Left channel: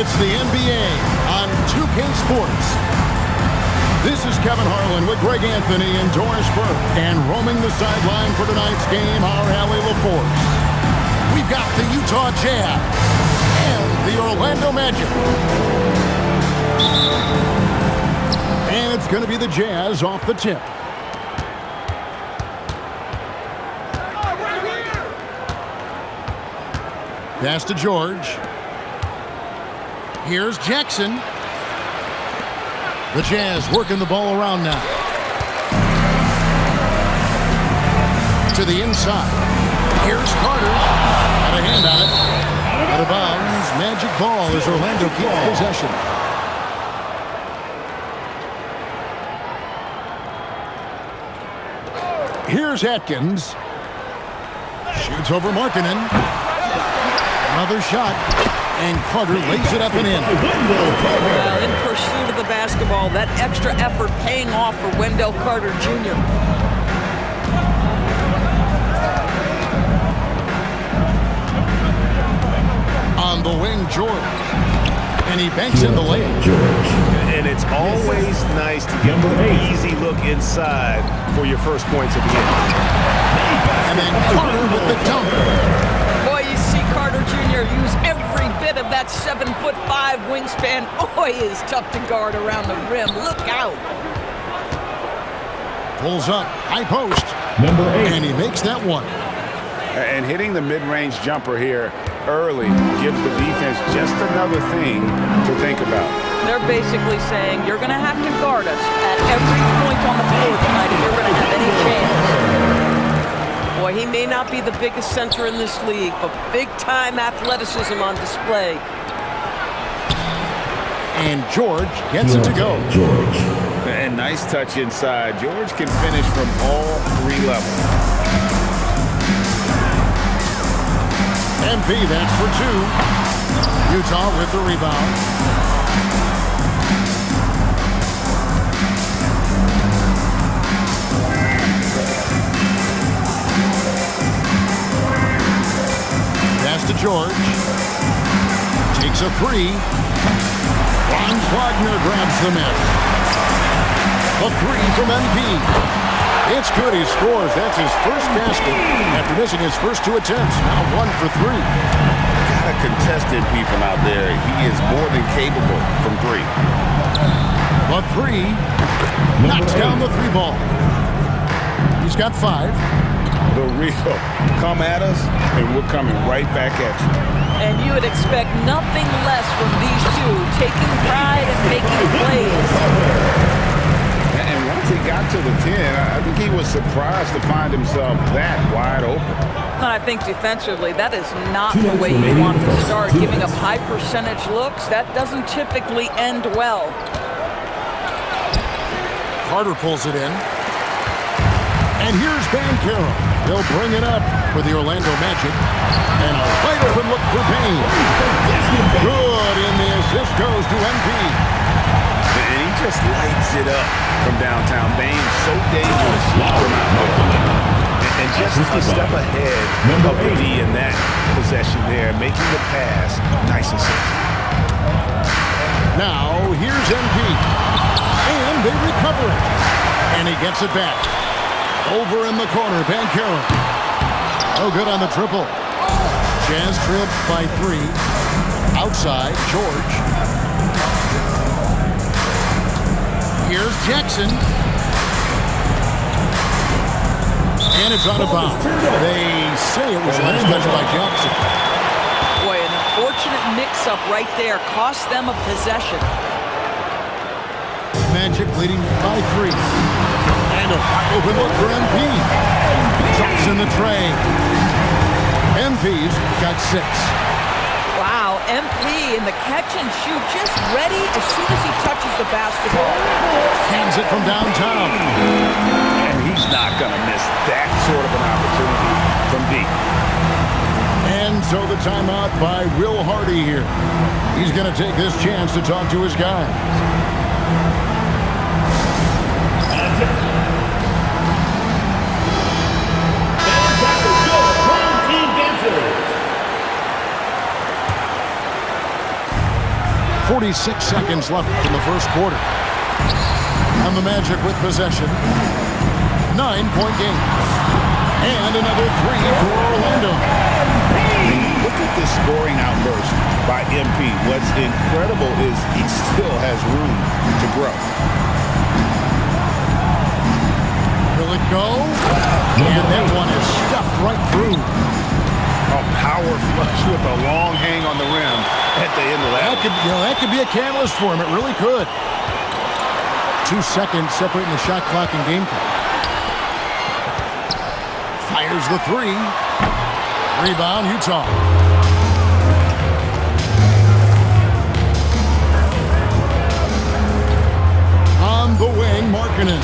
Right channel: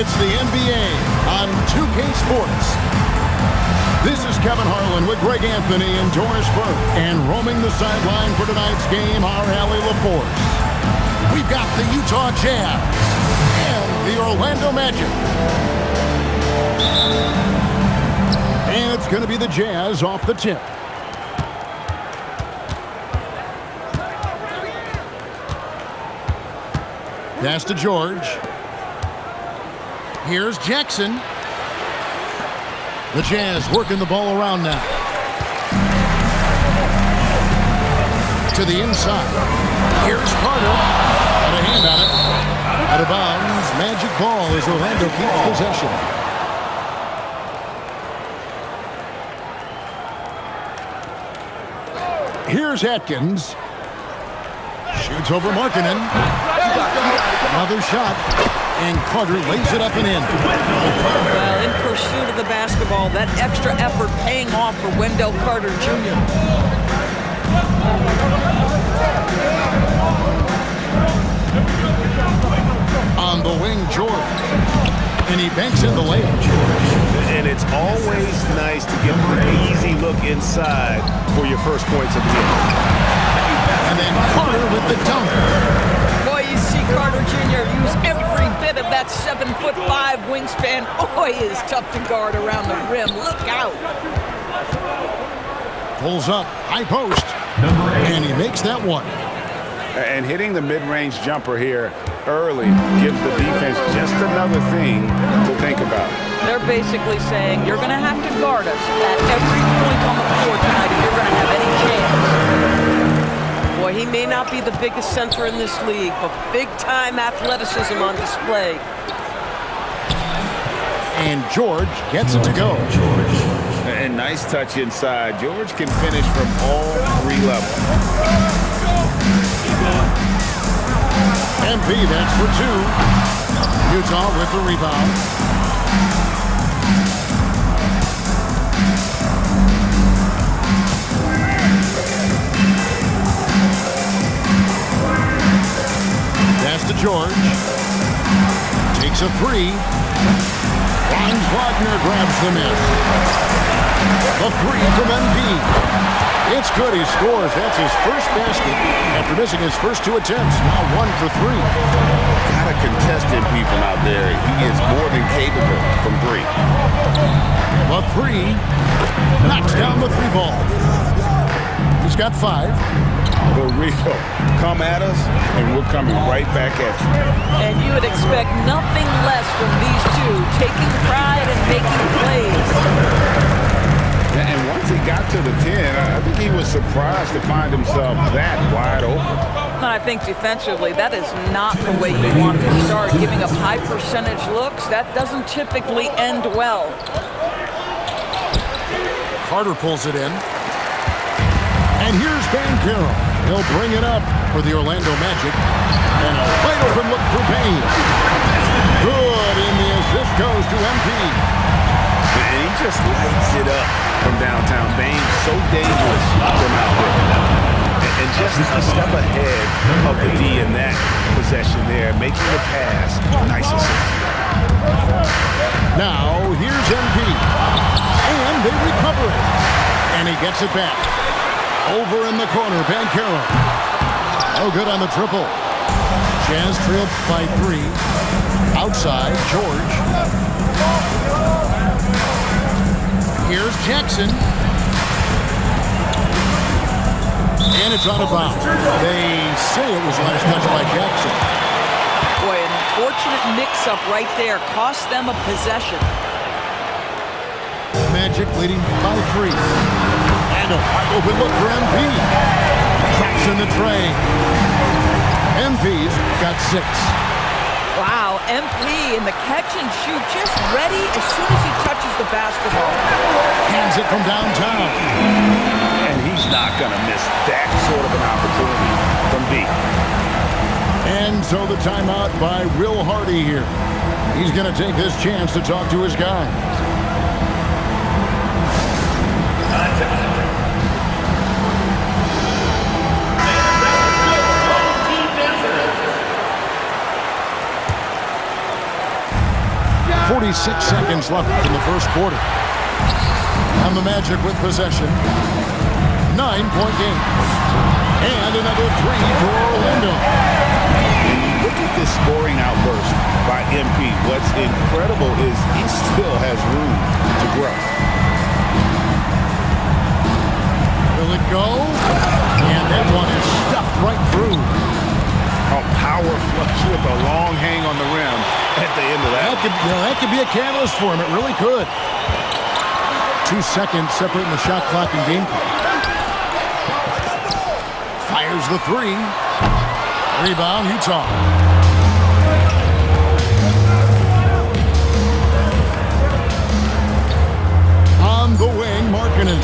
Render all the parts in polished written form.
It's the NBA on 2K Sports. This is Kevin Harlan with Greg Anthony and Doris Burke. And roaming the sideline for tonight's game, our Allie LaForce. We've got the Utah Jazz and the Orlando Magic. And it's going to be the Jazz off the tip. Pass to George. Here's Jackson. The Jazz working the ball around now. To the inside. Here's Carter. Got a hand on it. Out of bounds. Magic ball as Orlando keeps possession. Here's Atkins. Shoots over Markkanen. Another shot. And Carter lays it up and in. Well, in pursuit of the basketball, that extra effort paying off for Wendell Carter Jr. On the wing, George. And he banks in the layup. And it's always nice to get an easy look inside for your first points of the game. And then Carter with the dunk. Boy, you see Carter Jr. use every bit of that 7'5" wingspan. Boy, is tough to guard around the rim. Look out. Pulls up, high post. Number 8. And he makes that one. And hitting the mid-range jumper here early gives the defense just another thing to think about. They're basically saying, you're going to have to guard us at every point on the floor tonight if you're going to have any chance. Boy, he may not be the biggest center in this league, but big-time athleticism on display. And George gets it to go. George. And nice touch inside. George can finish from all 3 levels. MP, that's for 2. Utah with the rebound. Pass to George. Takes a 3. Franz Wagner grabs the miss. A 3 from MP. It's good. He scores. That's his first basket after missing his first 2 attempts. Now 1 for 3. Gotta contest MP from out there. He is more than capable from 3. The 3 knocks down the 3 ball. He's got 5. The real come at us, and we're coming right back at you. And you would expect nothing less from these two, taking pride and making plays. And once he got to the 10, I think he was surprised to find himself that wide open. And I think defensively, that is not the way you want to start. Giving up high percentage looks, that doesn't typically end well. Carter pulls it in. And here's Banchero. He'll bring it up for the Orlando Magic. And a wide open look for Payne. Good, and the assist goes to MP. And he just lights it up from downtown. Bane's so dangerous from out there. And just a step ahead of the D in that possession there, making the pass. Nice assist. Now, here's MP. And they recover it. And he gets it back. Over in the corner, Banchero. No good on the triple. Jazz trailed by 3. Outside, George. Here's Jackson. And it's out of bounds. They say it was last touched by Jackson. Boy, an unfortunate mix-up right there cost them a possession. Magic leading by 3. And a wide open look for MP. Drops in the tray. MP's got 6. Wow, MP in the catch and shoot, just ready as soon as he touches the basketball. Cans it from downtown. And he's not going to miss that sort of an opportunity from deep. And so the timeout by Will Hardy here. He's going to take this chance to talk to his guys. 46 seconds left in the first quarter. And the Magic with possession. 9-point game. And another three for Orlando. And you look at this scoring outburst by MP. What's incredible is he still has room to grow. Will it go? And that one is stuffed right through. A power flush with a long hang on the rim at the end of that. That could be a catalyst for him. It really could. 2 seconds separating the shot clock and game clock. Fires the three. Rebound, Utah. On the wing, Markkanen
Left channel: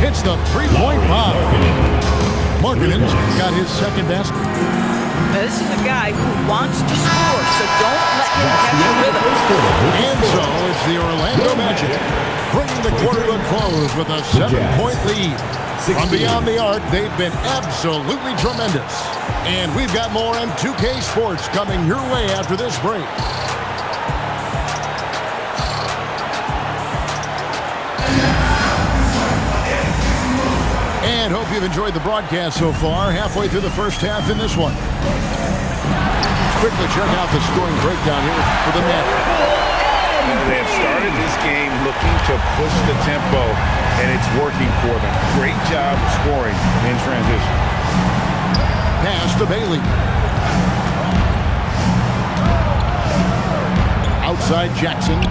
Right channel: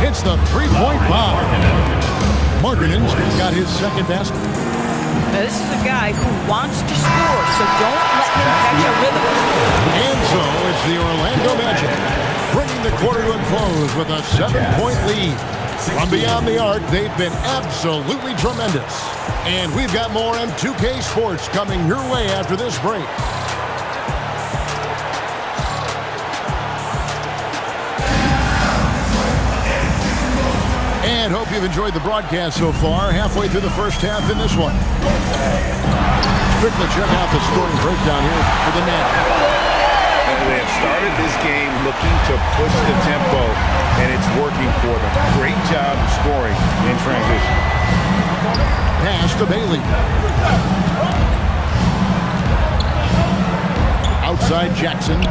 hits the three-point bomb. Markkanen's got his second basket. Now, this is a guy who wants to score, so don't let him catch a rhythm. And so it's the Orlando Magic bringing the quarter to a close with a 7-point lead. From beyond the arc, they've been absolutely tremendous. And we've got more M2K Sports coming your way after this break. And hope you've enjoyed the broadcast so far. Halfway through the first half in this one. Let's quickly check out the scoring breakdown here for the Magic. They have started this game looking to push the tempo, and it's working for them. Great job of scoring in transition. Pass to Bailey. Outside Jackson.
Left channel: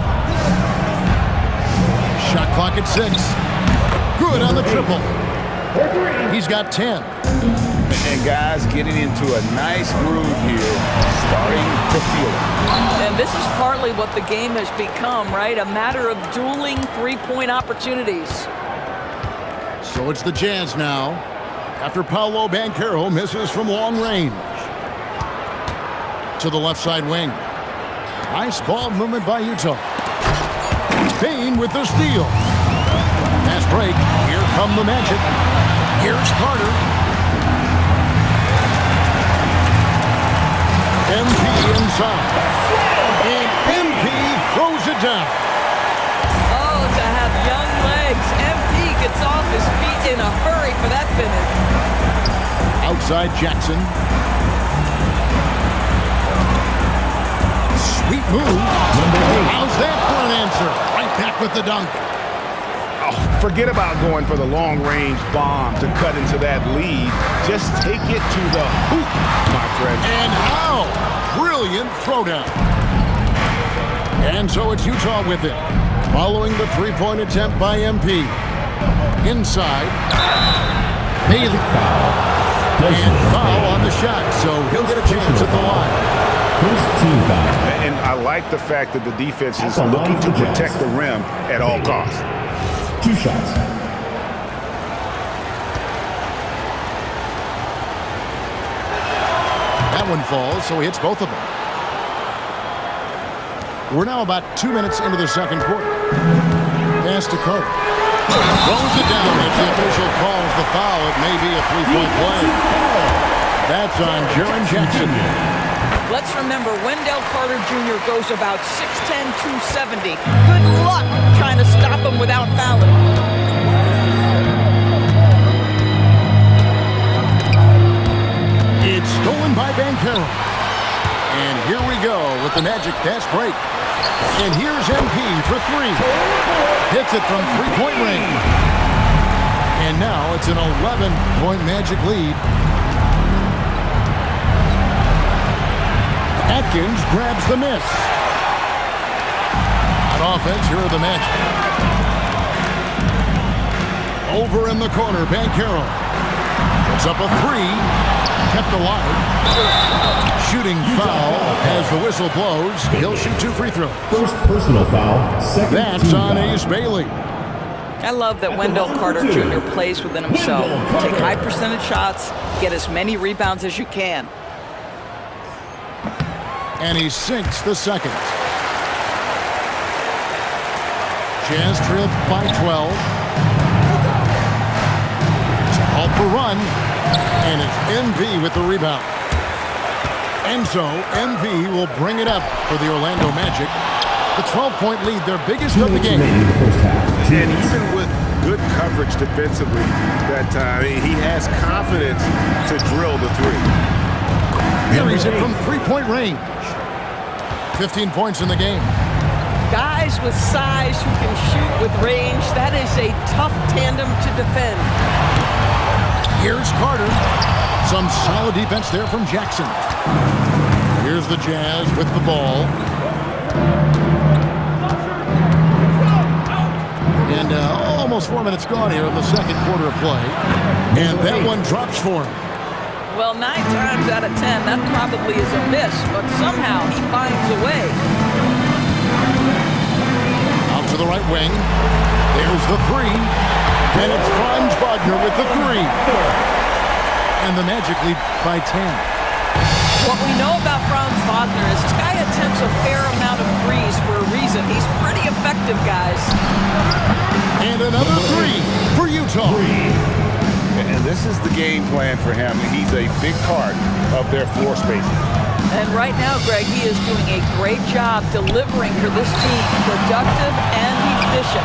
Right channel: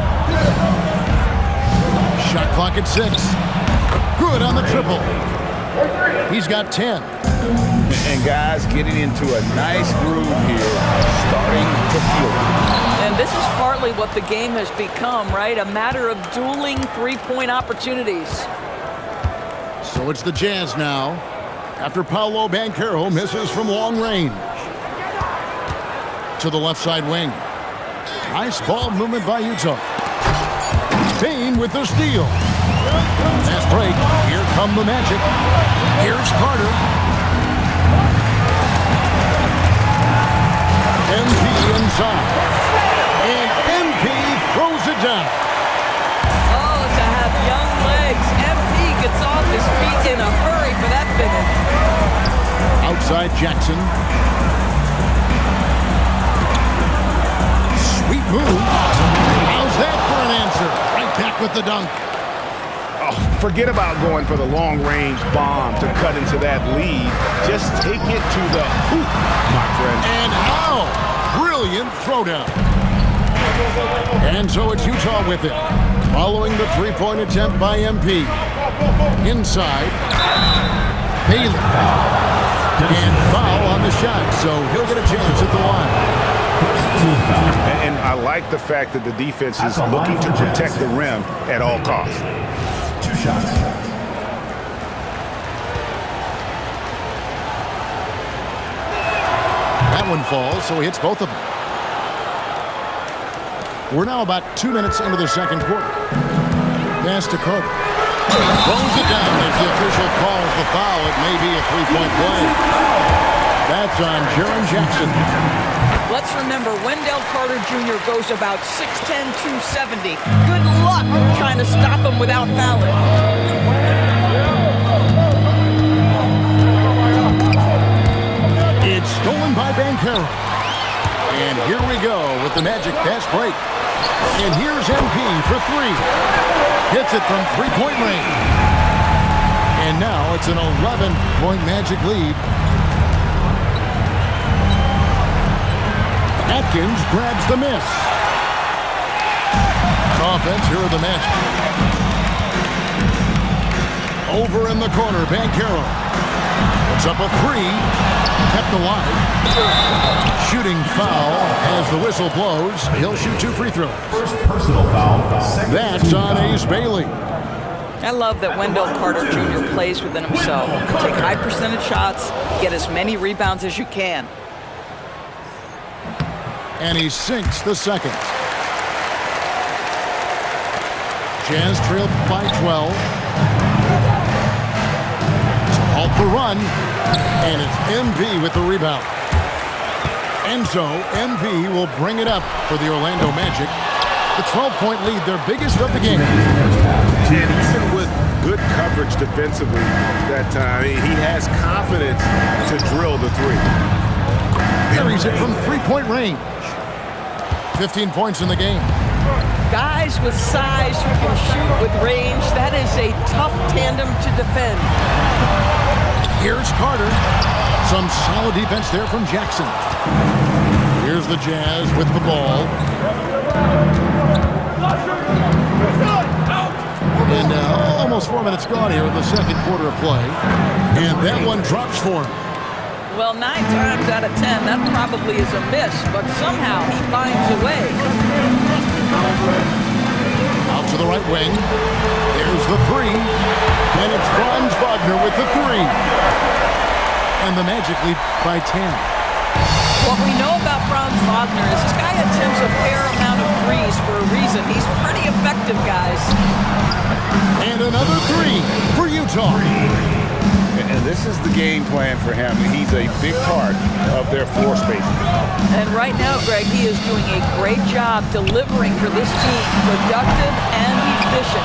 Shot clock at 6. Good on the triple. He's got 10. And guys getting into a nice groove here, starting to feel it. And this is partly what the game has become, right? A matter of dueling three-point opportunities. So it's the Jazz now, after Paolo Banchero misses from long range. To the left side wing. Nice ball movement by Utah. Payne with the steal. Fast break. Here come the Magic. Here's Carter. MP inside. And MP throws it down. Oh, to have young legs. MP gets off his feet in a hurry for that finish. Outside Jackson. Sweet move. How's that for an answer? Right back with the dunk. Oh, forget about going for the long-range bomb to cut into that lead. Just take it to the hoop, my friend. And how? Brilliant throwdown. And so it's Utah with it, following the three-point attempt by MP. Inside. Bailey. And foul on the shot, so he'll get a chance at the line. And I like the fact that the defense is looking to protect the rim at all costs. 2 shots. That one falls, so he hits both of them. We're now about 2 minutes into the second quarter. Pass to Carter. Throws it down as the official calls the foul. It may be a three-point play. That's on Jaren Jackson. Let's remember, Wendell Carter Jr. goes about 6'10", 270. Good luck trying to stop him without fouling. It's stolen by Banchero. And here we go with the Magic fast break. And here's MP for 3. Hits it from three-point range. And now it's an 11-point Magic lead. Atkins grabs the miss. On offense, here are the Magic. Over in the corner, Banchero. Puts up a 3. Kept alive. Shooting foul as the whistle blows. He'll shoot 2 free throws. First personal foul. Second That's on Ace Bailey. I love that Wendell Carter Jr. plays within himself. Take high percentage shots, get as many rebounds as you can. And he sinks the second. Jazz trailed by 12. To halt the run. And it's MV with the rebound. And so MV will bring it up for the Orlando Magic. The 12-point lead, their biggest of the game. And even with good coverage defensively that time, he has confidence to drill the three. Buries it from three-point range. 15 points in the game. Guys with size who can shoot with range, that is a tough tandem to defend. Here's Carter. Some solid defense there from Jackson. Here's the Jazz with the ball. And almost 4 minutes gone here in the second quarter of play. And that one drops for him. Well, 9 times out of 10, that probably is a miss, but somehow he finds a way. Out to the right wing. There's the three. And it's Franz Wagner with the three. And the Magic lead by 10. What we know about Franz Wagner is this guy attempts a fair amount of threes for a reason. He's pretty effective, guys. And another three for Utah. And this is the game plan for him. He's a big part of their floor spacing. And right now, Greg, he is doing a great job delivering for this team. Productive and efficient.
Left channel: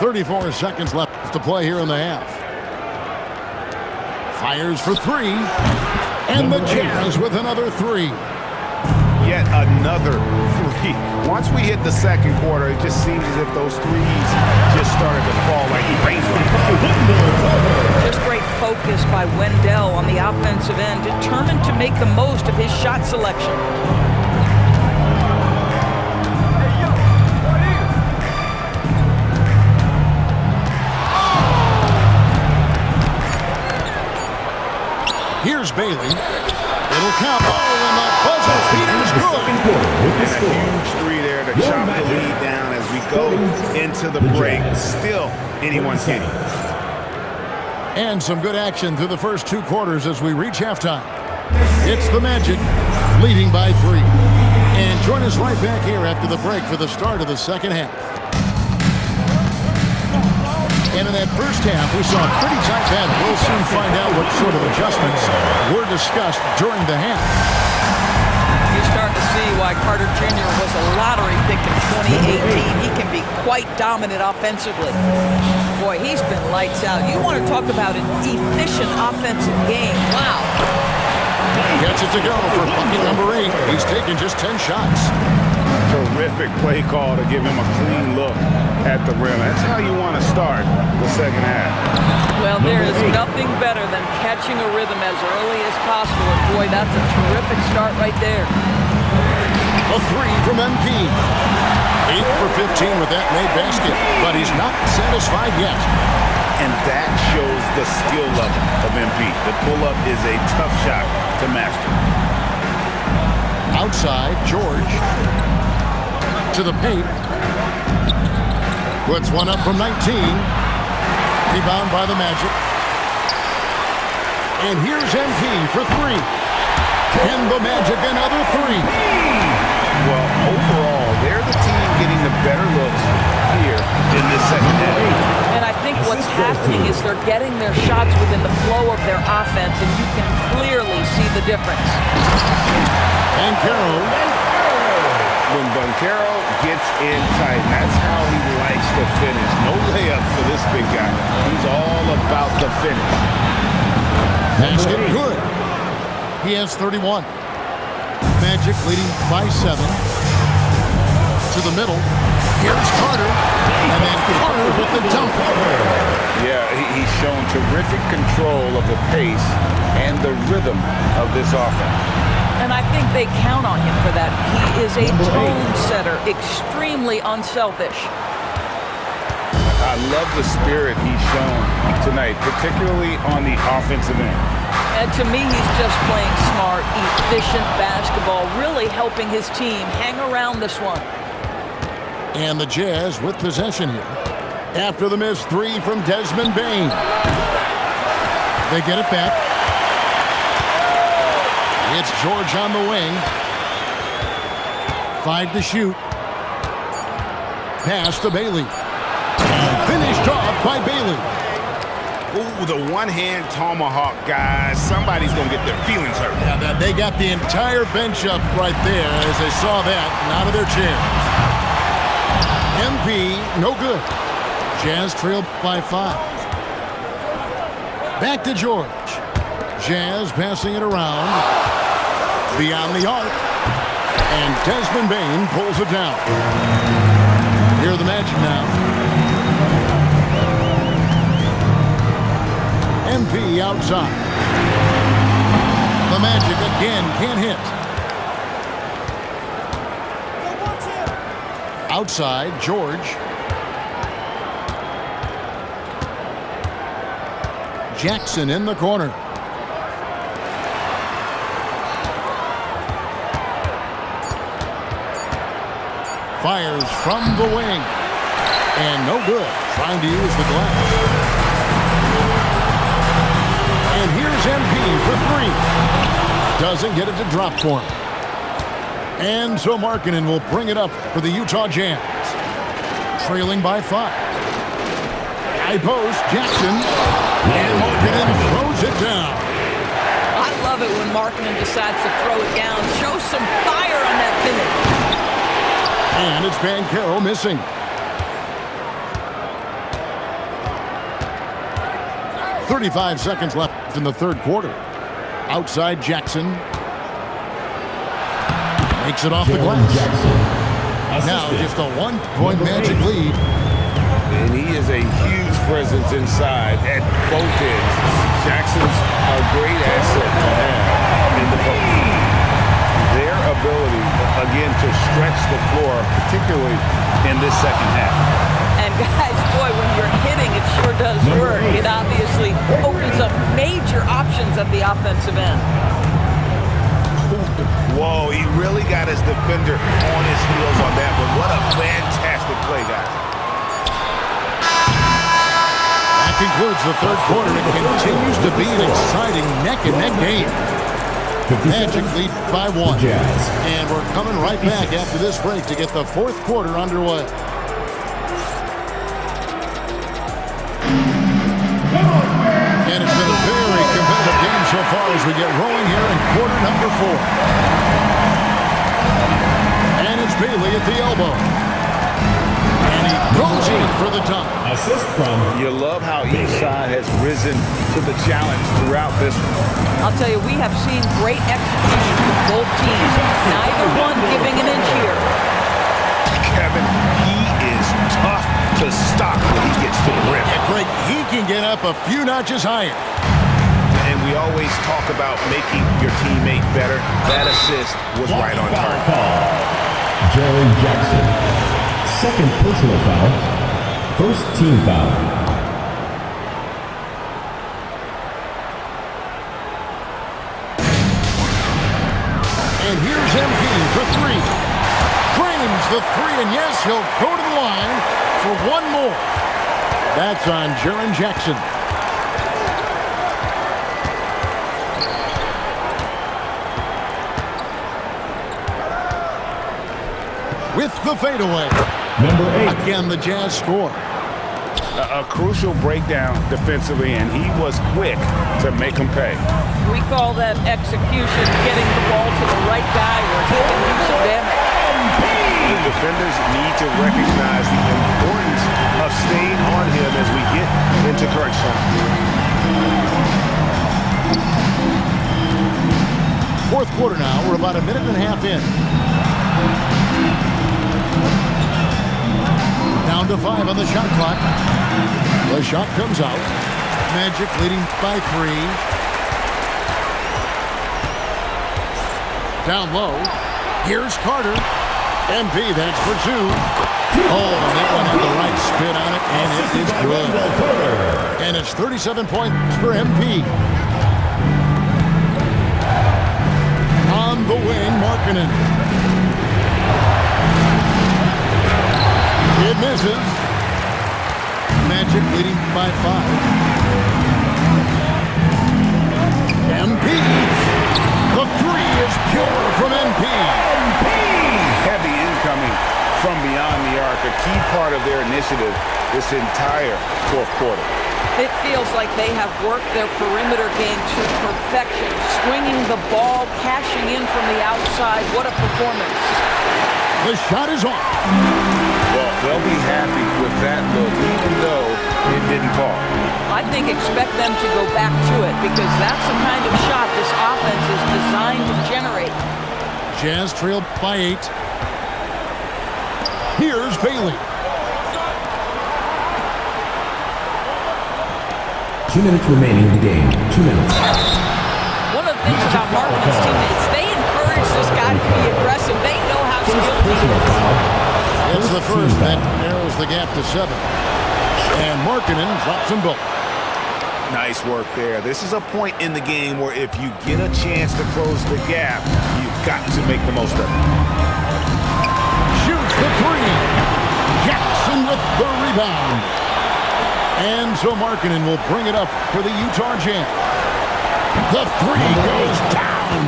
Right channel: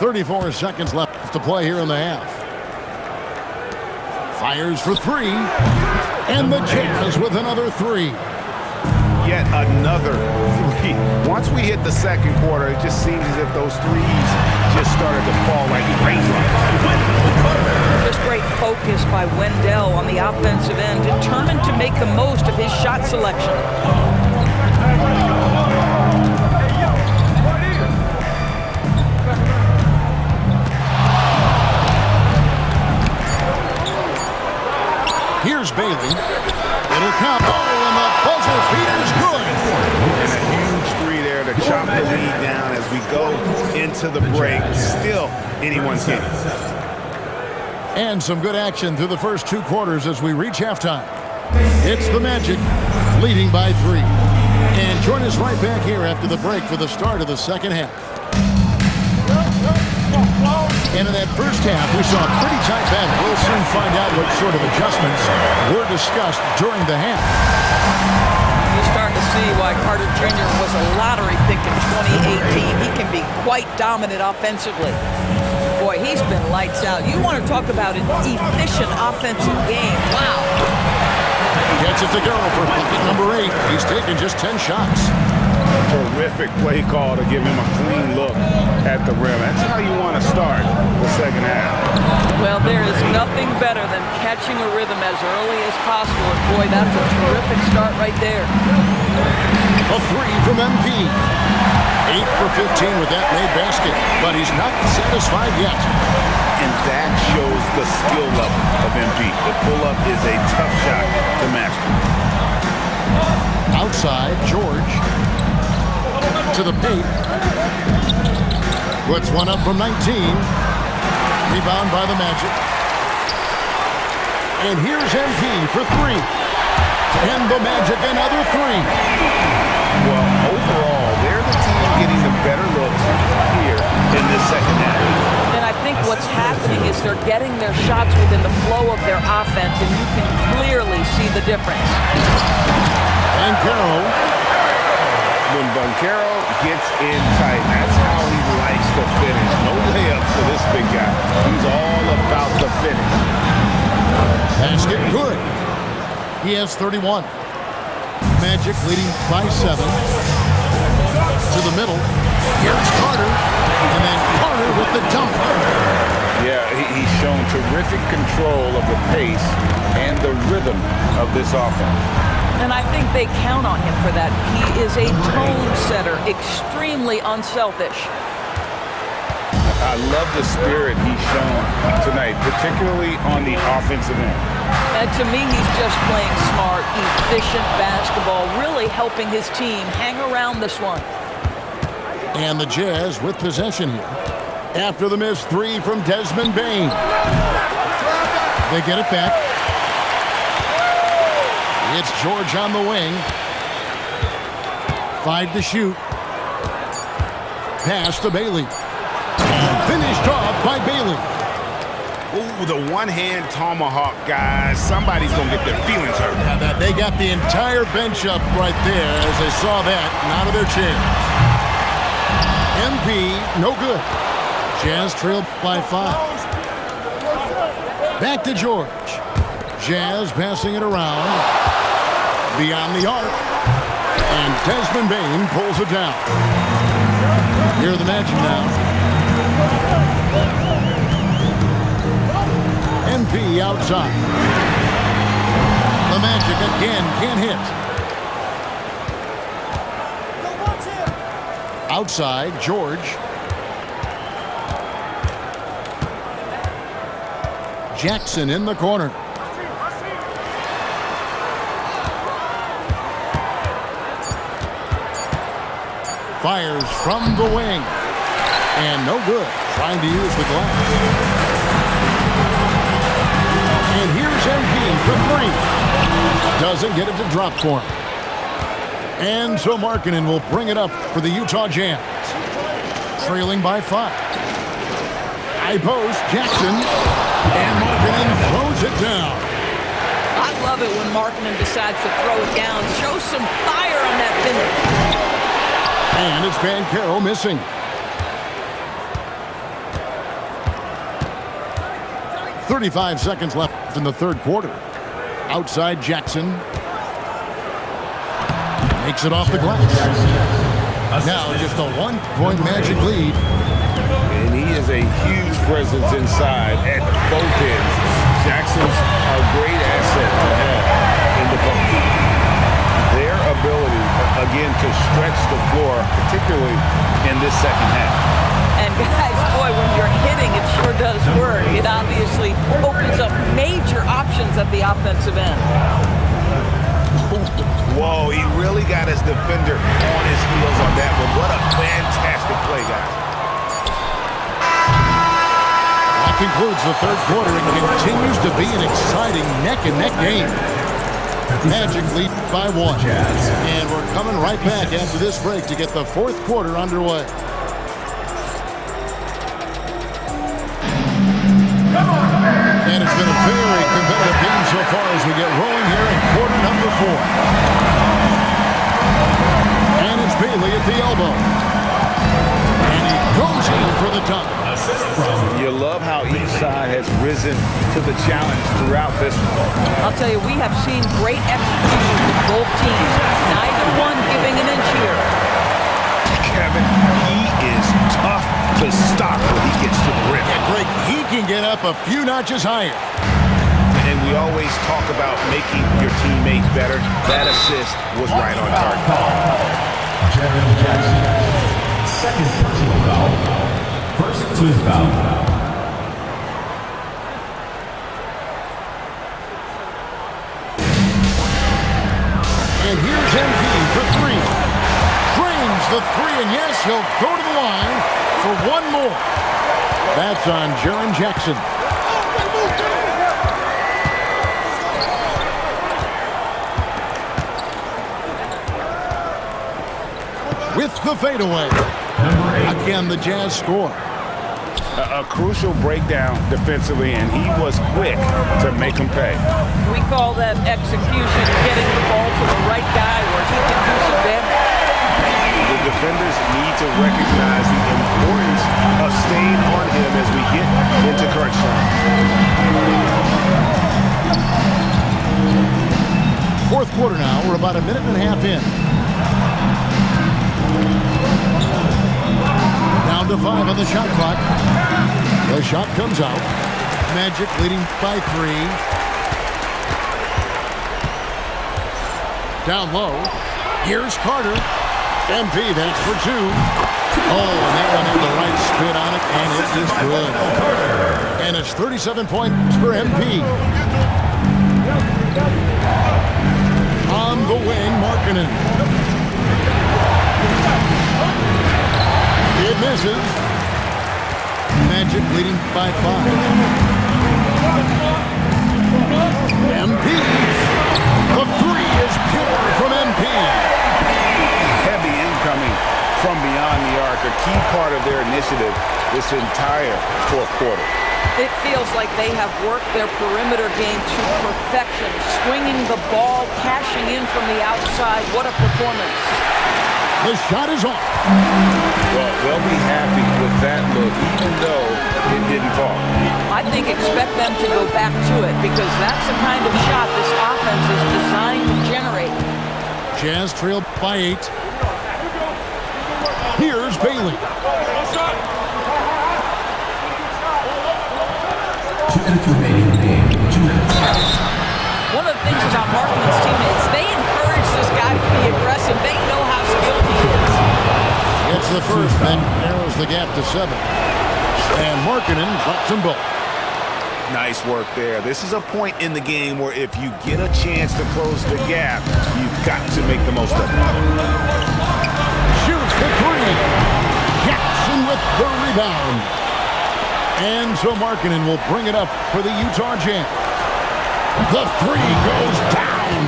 34 seconds left to play here in the half. Fires for three. And the Jazz with another three. Yet another three. Once we hit the second quarter, it just seems as if those threes just started to fall like raindrops. Just great focus by Wendell on the offensive end, determined to make the most of his shot selection. Here's Bailey. It'll count. Oh, and the buzzer beater's good. And a huge three there to chop the lead down as we go into the break. Still anyone's game. And some good action through the first 2 quarters as we reach halftime. It's the Magic leading by 3. And join us right back here after the break for the start of the second half. And in that first half, we saw a pretty tight battle. We'll soon find out what sort of adjustments were discussed during the half. You're starting to see why Carter Jr. was a lottery pick in 2018. He can be quite dominant offensively. Boy, he's been lights out. You want to talk about an efficient offensive game. Wow. Gets it to go for bucket number 8. He's taken just 10 shots. Terrific play call to give him a clean look at the rim. That's how you want to start the second half. Well, there is nothing better than catching a rhythm as early as possible. And boy, that's a terrific start right there. A three from MP. 8 for 15 with that made basket, but he's not satisfied yet. And that shows the skill level of MP. The pull-up is a tough shot to master. Outside, George to the paint. Puts one up from 19. Rebound by the Magic. And here's MP for 3. And the Magic another 3. Well, overall, they're the team getting the better looks here in this second half. And I think what's happening is they're getting their shots within the flow of their offense, and you can clearly see the difference. And Carroll. When Banchero gets in tight, that's how he likes to finish. No layups for this big guy. He's all about the finish. Basket good. He has 31. Magic leading by 7. To the middle. Here's Carter. And then Carter with the dunk. Yeah, he's shown terrific control of the pace and the rhythm of this offense. And I think they count on him for that. He is a tone setter, extremely unselfish. I love the spirit he's shown tonight, particularly on the offensive end. And to me, he's just playing smart, efficient basketball, really helping his team hang around this one. And the Jazz with possession here. After the missed 3 from Desmond Bane. They get it back. It's George on the wing. 5 to shoot. Pass to Bailey. And finished off by Bailey. Ooh, the one-hand tomahawk, guys. Somebody's going to get their feelings hurt. Yeah, they got the entire bench up right there as they saw that and out of their chairs. MP, no good. Jazz trailed by 5. Back to George. Jazz passing it around. Beyond the arc. And Desmond Bain pulls it down. Here are the Magic now. MP outside. The Magic again can't hit. Outside, George. Jackson in the corner. Fires from the wing. And no good. Trying to use the glass. And here's MP for 3. Doesn't get it to drop for him. And so Markkanen will bring it up for the Utah Jazz. Trailing by 5. High post, Jackson. And Markkanen throws it down. I love it when Markkanen decides to throw it down. Show some fire on that finish. And it's Banchero missing. .35 seconds left in the third quarter. Outside Jackson. Makes it off the glass. Now just a 1-point Magic lead. And he is a huge presence inside at both ends. Jackson's a great asset to have in the post. Their ability, again, to stretch the floor, particularly in this second half. And guys, boy, when you're hitting, it sure does work. It obviously opens up major options at the offensive end. Whoa, he really got his defender on his heels on that one. What a fantastic play, guys. That concludes the third quarter. It continues to be an exciting neck-and-neck game. Magic lead by 1. And we're coming right back after this break to get the fourth quarter underway. And it's been a very competitive game so far as we get rolling here in quarter number 4. And it's Bailey at the elbow. And he goes in for the dunk. Assist from. You love how each side has risen to the challenge throughout this one. I'll tell you, we have seen great execution with both teams. Neither one giving an inch here. Kevin, he is tough to stop when he gets to the rim. Yeah, Greg, he can get up a few notches higher. And we always talk about making your teammate better. That assist was right on target. Jaren Jackson. Second personal foul. First team foul. And here's MP for 3. Drains the 3, and yes, he'll go to the line for one more. That's on Jaren Jackson. With the fadeaway. Number 8. Again, the Jazz score. A crucial breakdown defensively, and he was quick to make him pay. We call that execution, getting the ball to the right guy where he can do some damage. The defenders need to recognize the importance of staying on him as we get into crunch time. Fourth quarter now. We're about a minute and a half in. Down to 5 on the shot clock. The shot comes out. Magic leading by 3. Down low. Here's Carter. MP, that's for 2. Oh, and that one had the right spin on it, and it is good. And it's 37 points for MP. On the wing, Markkanen. It misses. Magic leading by 5. MP. The 3 is pure from MP. Heavy incoming from beyond the arc, a key part of their initiative this entire fourth quarter. It feels like they have worked their perimeter game to perfection, swinging the ball, cashing in from the outside. What a performance. The shot is off. Well, they'll be happy with that look, even though it didn't fall. I think expect them to go back to it because that's the kind of shot this offense is designed to generate. Jazz trailed by 8. Here's Bailey. 2 minutes remaining in the game. 2 minutes. One of the things about Markman's teammates, they encourage this guy to be aggressive. They know how skilled he is. It's the first that narrows the gap to 7. And Markkanen drops them both. Nice work there. This is a point in the game where if you get a chance to close the gap, you've got to make the most of it. Shoots the 3. Jackson with the rebound. And so Markkanen will bring it up for the Utah Jazz. The 3 goes down.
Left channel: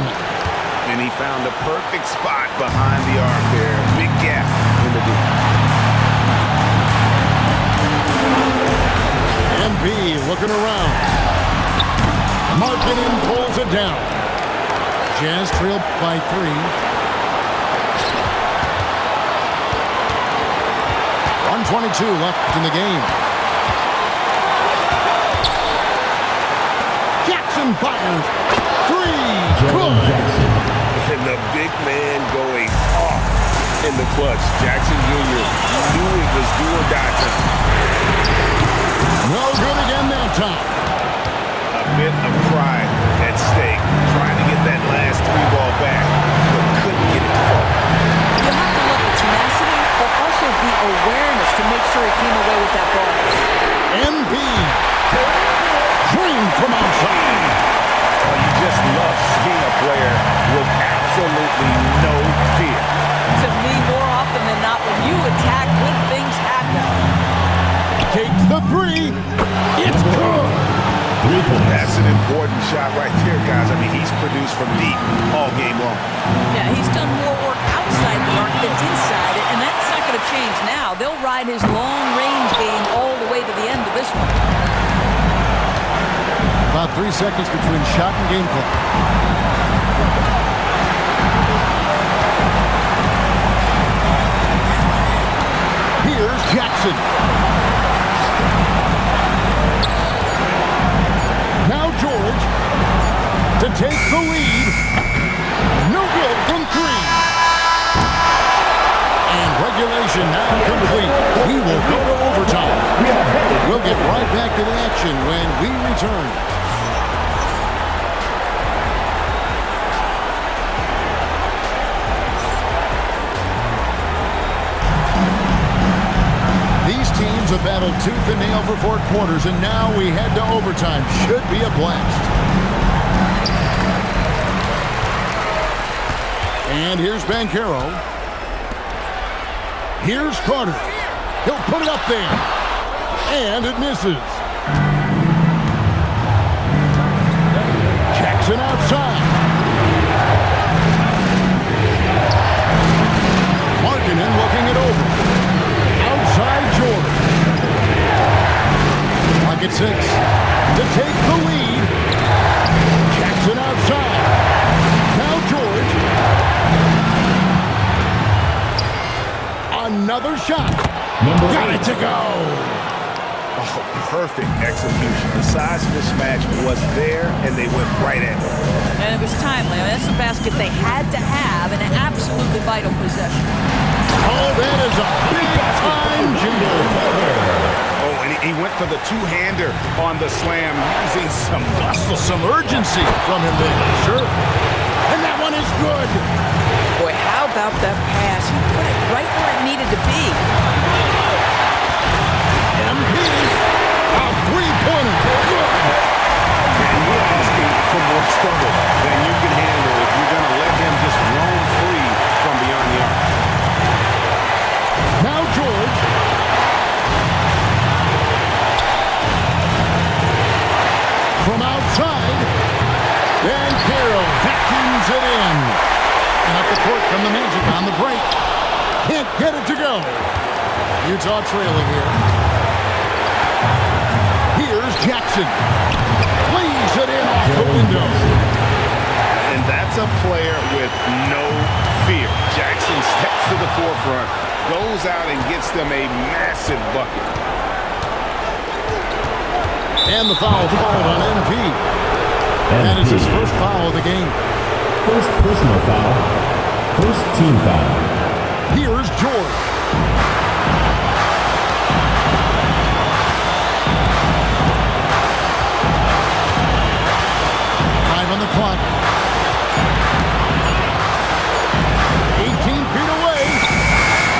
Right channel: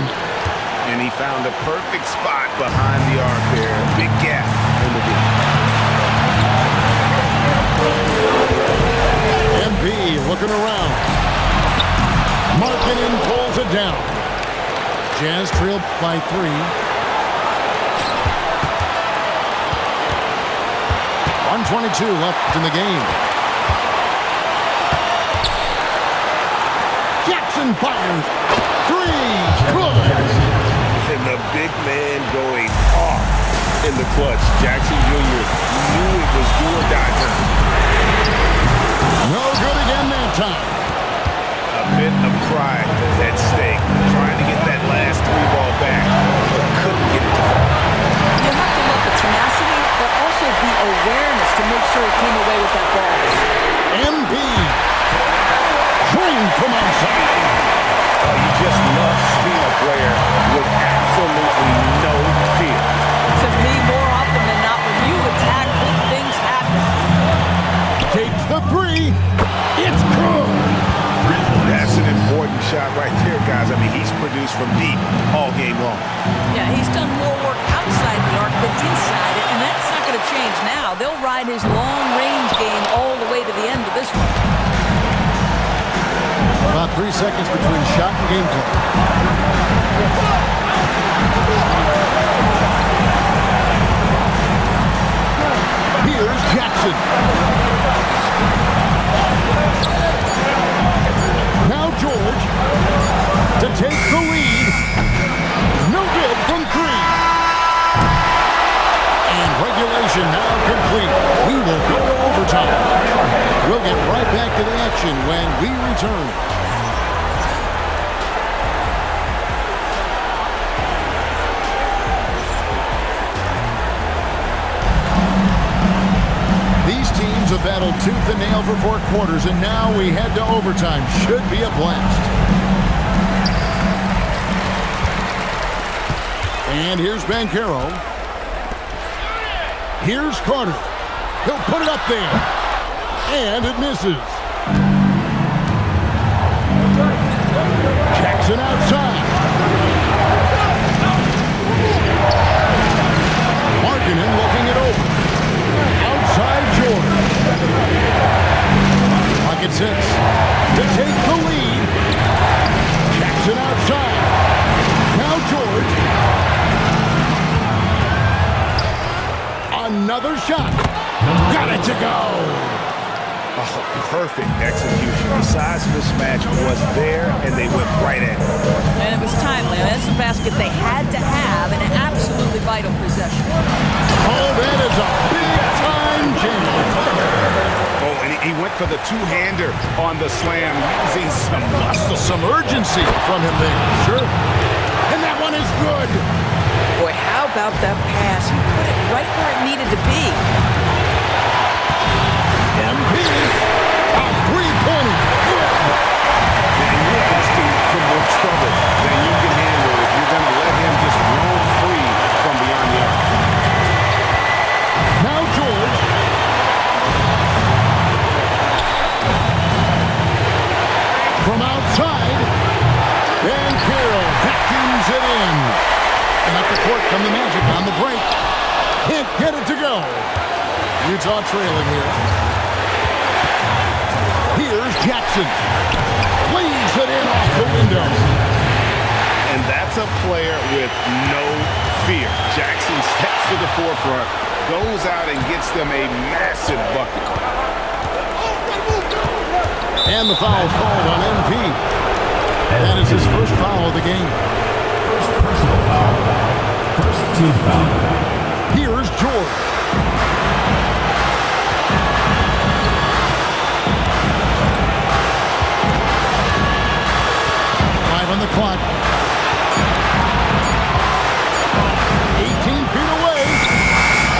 And he found the perfect spot behind the arc there. Big gap in the D. MP looking around. Markkanen pulls it down. Jazz trailed by 3. 1:22 left in the game. Jackson fires. 3. Good. And the big man going off in the clutch. Jackson Jr. knew it was do or die time. No good again that time. A bit of pride at stake. Trying to get that last 3 ball back, but couldn't get it to fall. You have to love the tenacity, but also the awareness to make sure he came away with that ball. MP. Drained from outside. Oh, you just love seeing a player with absolutely no fear. To me, more often than not, when you attack, good things happen. Takes the 3. It's good. That's an important shot right there, guys. I mean, he's produced from deep all game long. Yeah, he's done more work outside the arc than inside it, and that's not going to change now. They'll ride his long-range game all the way to the end of this one. About 3 seconds between shot and game clock. Here's Jackson. Now George to take the lead. No good from 3. And regulation now complete. We will go to overtime. We'll get right back to the action when we return. These teams have battled tooth and nail for 4 quarters, and now we head to overtime. Should be a blast. And here's Banchero. Here's Carter. He'll put it up there. And it misses. Jackson outside. Markkanen looking it over. Outside George. Pocket 6 to take the lead. Jackson outside. Now George. Another shot. Got it to go. Oh, perfect execution. The size mismatch was there, and they went right at it. And it was timely. I mean, that's a basket they had to have in an absolutely vital possession. Oh, that is a big-time jam. Oh, and he went for the two-hander on the slam, using some muscle. Some urgency from him there, sure. And that one is good. Boy, how about that pass? He put it right where it needed to be. MP, a three-pointer, good. And you're asking for more trouble than you can handle if you're going to let him just roam free from beyond the arc. Now George. From outside, Banchero vacuums it in. And up the court come the Magic on the break. Can't get it to go. Utah trailing here. Here's Jackson. Flees it in off the window. And that's a player with no fear. Jackson steps to the forefront, goes out and gets them a massive bucket. And the foul called on MP. That is his first foul of the game. First personal foul. First team foul. Here's George. On the clock. 18 feet away.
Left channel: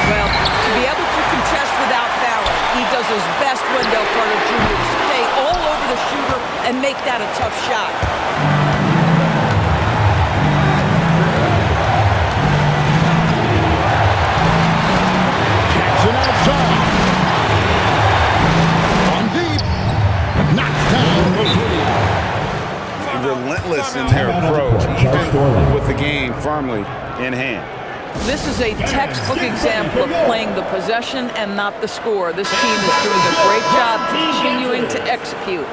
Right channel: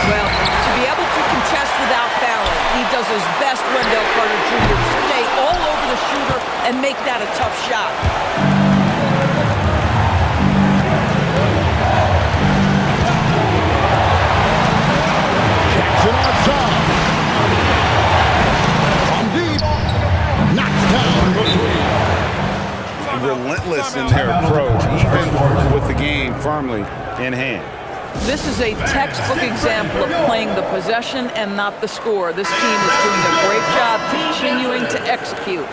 Well, to be able to contest without fouling, he does his best, Wendell Carter Jr., stay all over the shooter and make that a tough shot. Jackson outside. From deep. Knocks down the three. Relentless in their approach, even with the game firmly in hand. This is a textbook example of playing the possession and not the score. This team is doing a great job continuing to execute.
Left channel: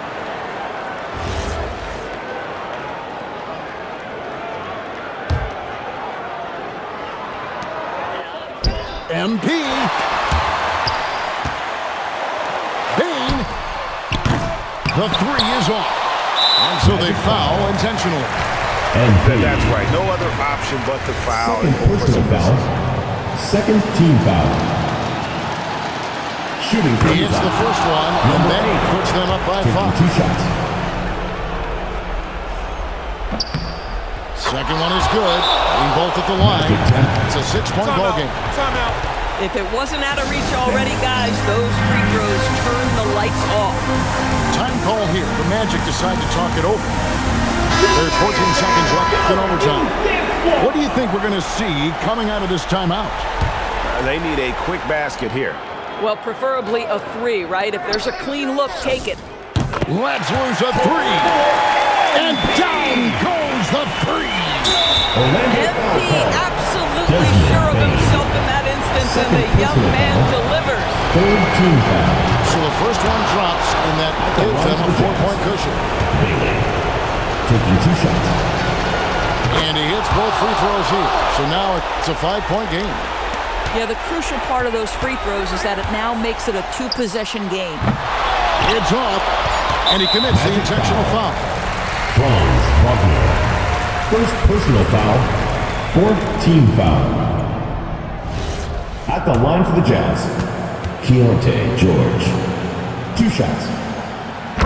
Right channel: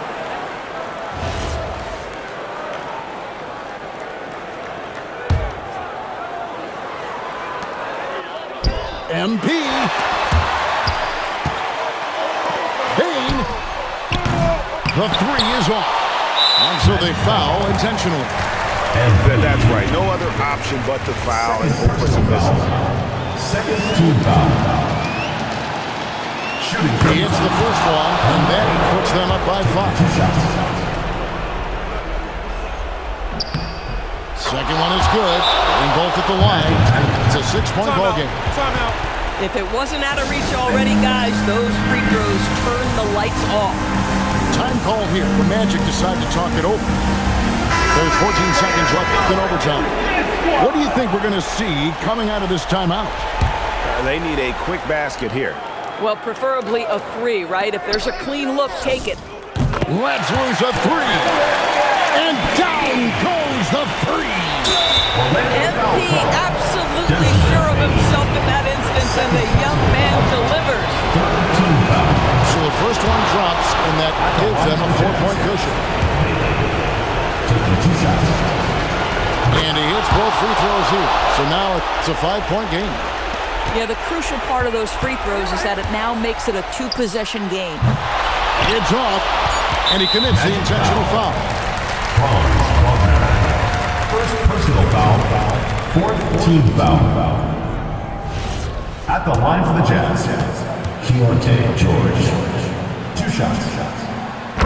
MP. Bain. The three is off. And so they foul intentionally. And that's right. No other option but to foul and hope for some misses. Second team foul. Shooting. He hits the first one, and that puts them up by 5. 2 shots. Second one is good. Hitting both at the line, and it's a 6-point ball game. Timeout. If it wasn't out of reach already, guys, those free throws turn the lights off. Time call here. The Magic decide to talk it over. There's 14 seconds left in overtime. What do you think we're going to see coming out of this timeout? They need a quick basket here. Well, preferably a 3, right? If there's a clean look, take it. Let's lose a 3. And down goes the 3. MP absolutely sure of himself in that instance, and the young man delivers. Third team foul. So the first one drops, and that gives them a 4-point cushion. Taking 2 shots. And he hits both free throws here. So now it's a 5-point game. Yeah, the crucial part of those free throws is that it now makes it a 2-possession game. It's off, and he commits the intentional foul. Franz Wagner. First personal foul. Fourth team foul. At the line for the Jazz, Keontae George. 2 shots.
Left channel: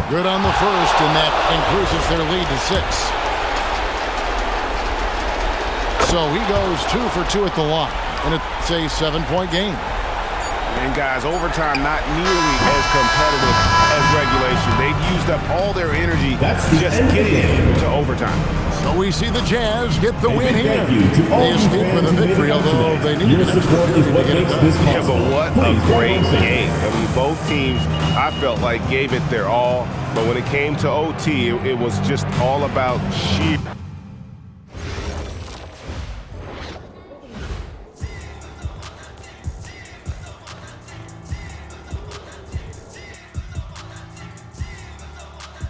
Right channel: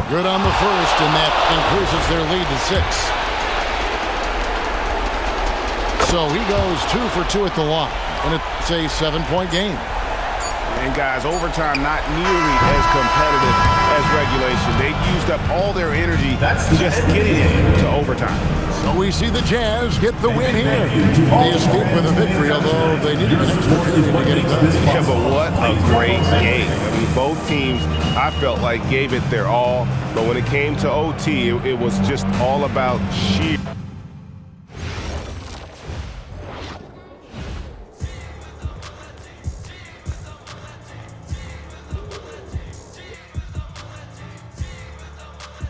Good on the first, and that increases their lead to 6. So he goes 2 for 2 at the line, and it's a 7-point game. And guys, overtime not nearly as competitive as regulation. They've used up all their energy just getting into overtime. So we see the Jazz get the win here. They escape with a victory, although they needed an extra period to get it done. Yeah, but what a great game. I mean, both teams, I felt like, gave it their all. But when it came to OT, it was just all about sheer